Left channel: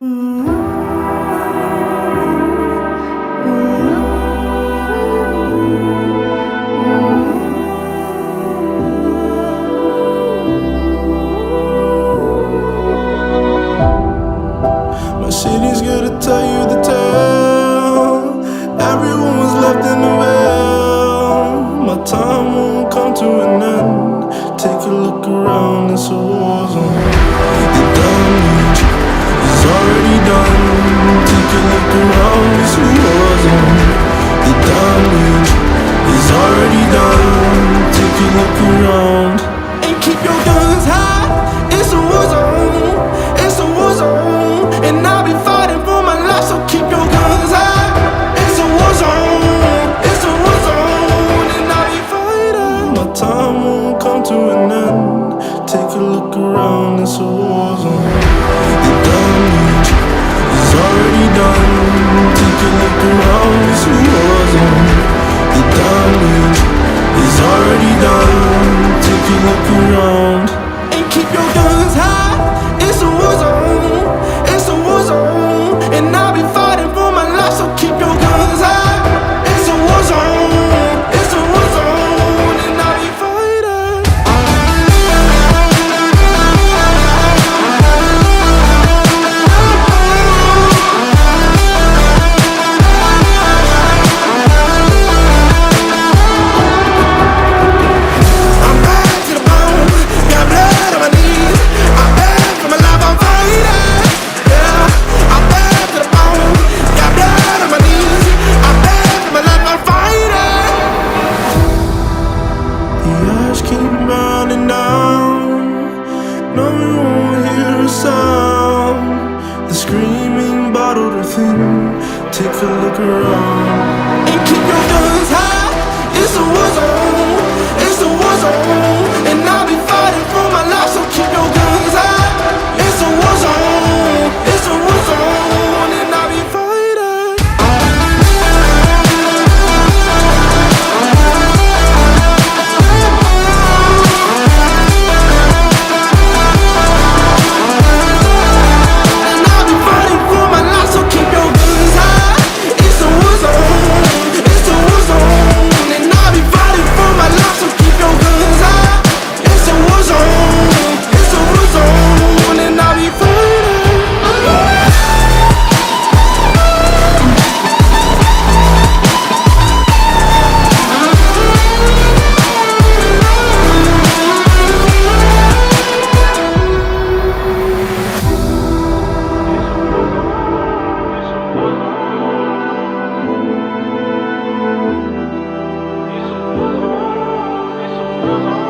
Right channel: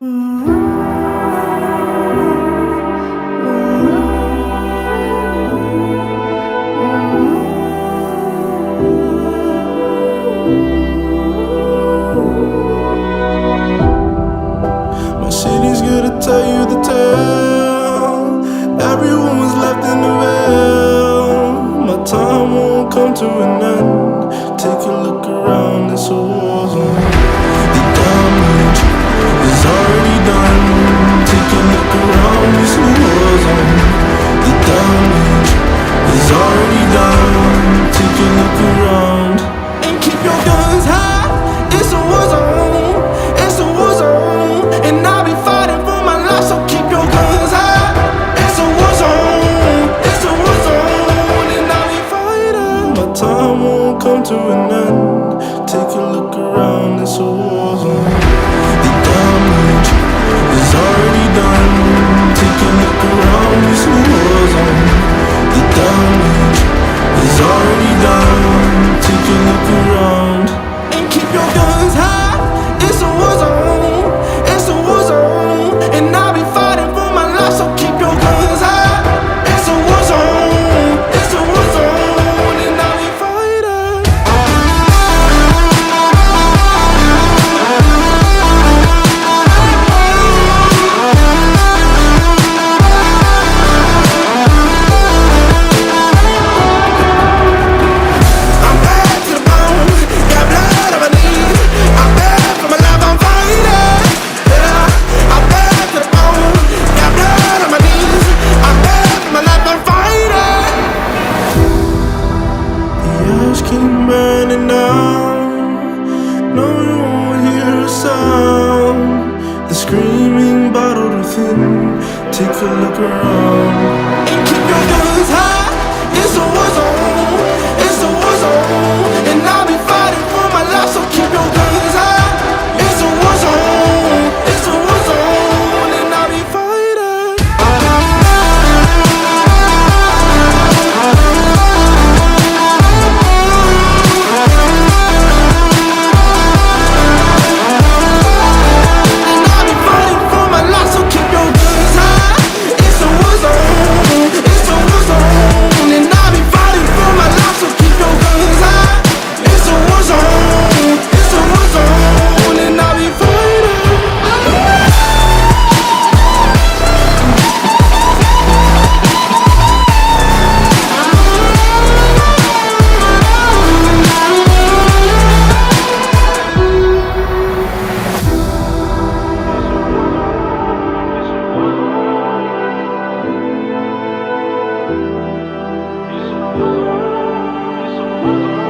My city's gonna tell you the tale. Everyone was left in the veil. My time won't come to an end. Take a look around, it's a war zone. The damage is already done. Take a look around, it's a war zone. The damage is already done. Take a look around and keep your guns high. It's a war zone. It's a war zone, and I'll be fighting for my life. So keep your guns high. It's a war zone. It's a war zone, and I'll be fighting. My time won't come to an end. Take a look around, it's a war zone. The damage is already done. Take a look around, it's a war zone. The damage is already done. Take a look around and keep your guns high. It's a war zone. It's a war zone, and I'll be fighting for my life. So keep your guns high. It's a war zone. It's a war zone, and I'll be fighting. I'm bad to the bone. Got blood on my knees. I'm bad for my life. I'm fighting. Yeah, I'm bad to the bone. Got blood on my knees. I'm bad for my life. I'm fighting. The ash keep burning down. No, we won't hear a sound. The screaming bottled within. Take a look around and keep your guns high. It's a war zone. It's a war zone, and I'll be fighting for my life. So keep your guns high. It's a war zone. It's a war zone, and I'll be fighting. And I'll be fighting for my life. So keep your guns high. It's a war zone. It's a war zone, and I'll be fighting for my life. So keep your guns high. It's a war zone. It's a war zone, and I'll be fighting. It's a war zone.